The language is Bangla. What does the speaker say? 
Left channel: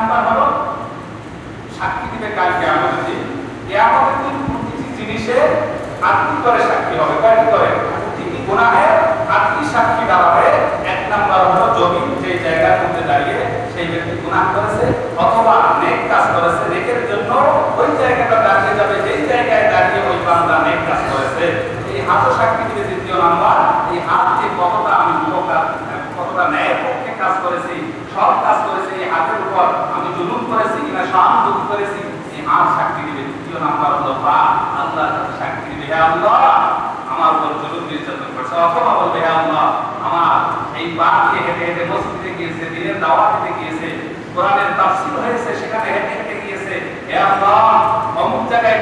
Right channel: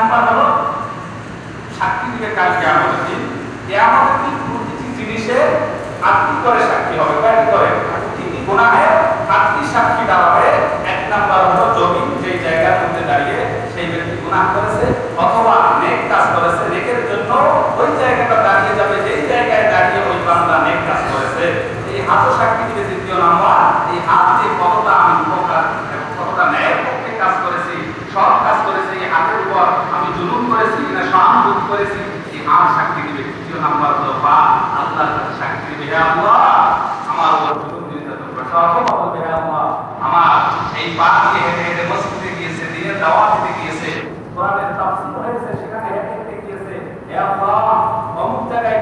নাম্বার হলো সাক্ষী দিবে কাল কিয়ামতের দিন। কিয়ামতের দিন প্রতিটি জিনিসের আটটি করে সাক্ষী হবে। কয়টি করে? প্রতিটি গুনাহের আটটি সাক্ষী দাঁড়াবে। এক নাম্বার হলো জমিন, যে জায়গার মধ্যে দাঁড়িয়ে সেই ব্যক্তি গুনাহ করেছে অথবা নেক কাজ করেছে, নেকের জন্য ওই জায়গাটা দাঁড়িয়ে যাবে যেই জায়গায় দাঁড়িয়ে ওই বান্দা নেক কাজ করেছে। এই হাতও সাক্ষী দিবে। দ্বিতীয় নাম্বার, এই হাত দিয়ে কতটা আমি উপকার, কতটা ন্যায়ের পক্ষে কাজ করেছি, সৎ কাজ করেছি, এই হাতের উপর আমি জুলুম করেছি কিনা, সহানুভূতি করেছি, এই হাত সাক্ষী দিবে। তৃতীয় নাম্বার হলো পা, আল্লাহর কাছে সাক্ষী দিবে, হে আল্লাহ আমার উপর জুলুম নির্যাতন করেছে। অথবা বলবে, হে আল্লাহ আমার এই পা দিয়ে হেঁটে হেঁটে মসজিদে গিয়েছে, দিনের দাওয়াত দিতে গিয়েছে, কোরআনের তাফসীর হয়েছে, সেখানে হেঁটে হেঁটে গিয়েছে, হে আল্লাহ অমুক জায়গায়